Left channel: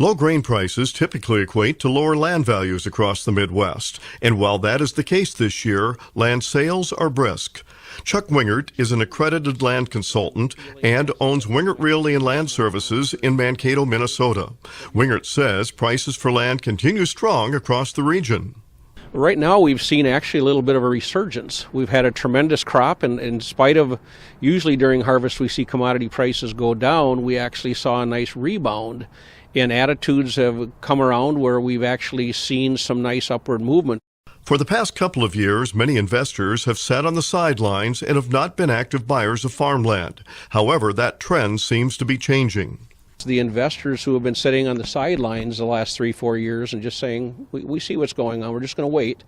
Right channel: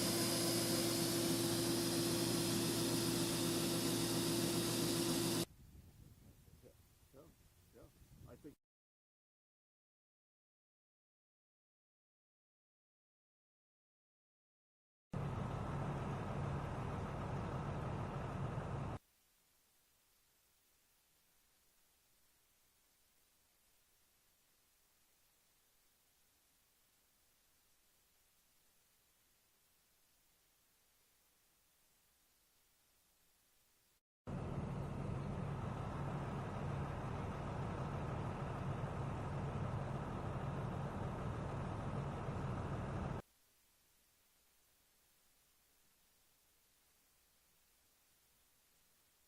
Low grain prices typically equate to lower land values across the Midwest, and while that is the case this year, land sales are brisk. Chuck Wingert is an accredited land consultant and owns Wingert Realty and Land Services in Mankato, Minnesota. Wingert says prices for land continue strong across the region. Right now we've seen actually a little bit of a resurgence. We've had a tremendous crop, and in spite of usually during harvest we see commodity prices go down, we actually saw a nice rebound. And attitudes have come around where we've actually seen some nice upward movement. For the past couple of years, many investors have sat on the sidelines and have not been active buyers of farmland. However, that trend seems to be changing. The investors who have been sitting on the sidelines the last 3-4 years and just saying, we see what's going on, we're just going to wait.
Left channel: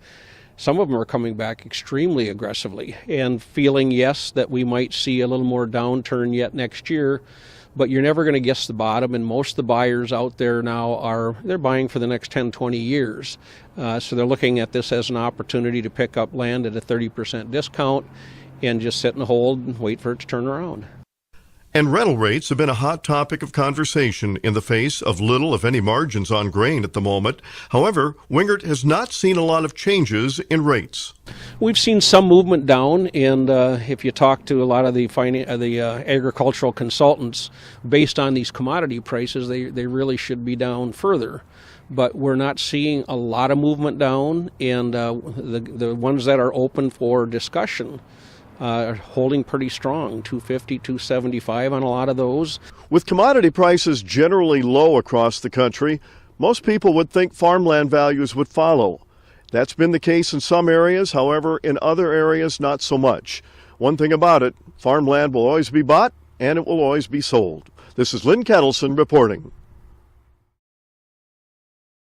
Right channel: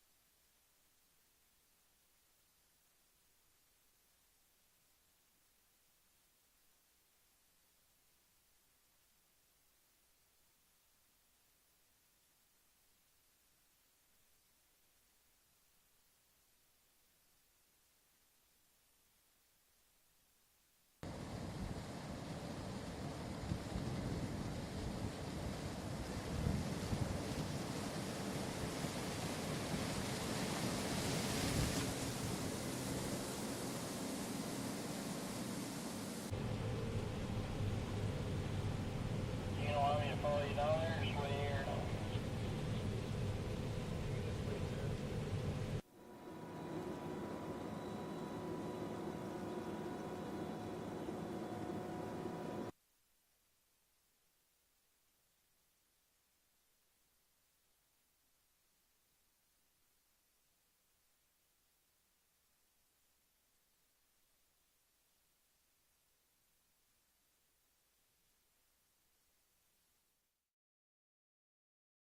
Some of them are coming back extremely aggressively and feeling, yes, that we might see a little more downturn yet next year. But you're never going to guess the bottom, and most of the buyers out there now they're buying for the next 10-20 years. So they're looking at this as an opportunity to pick up land at a 30% discount and just sit and hold and wait for it to turn around. And rental rates have been a hot topic of conversation in the face of little, if any, margins on grain at the moment. However, Wingert has not seen a lot of changes in rates. We've seen some movement down, and if you talk to a lot of the agricultural consultants, based on these commodity prices, they really should be down further. But we're not seeing a lot of movement down, and the ones that are open for discussion are holding pretty strong, 250, 275 on a lot of those. With commodity prices generally low across the country, most people would think farmland values would follow. That's been the case in some areas, however, in other areas, not so much. One thing about it, farmland will always be bought and it will always be sold. This is Lynn Ketelsen reporting.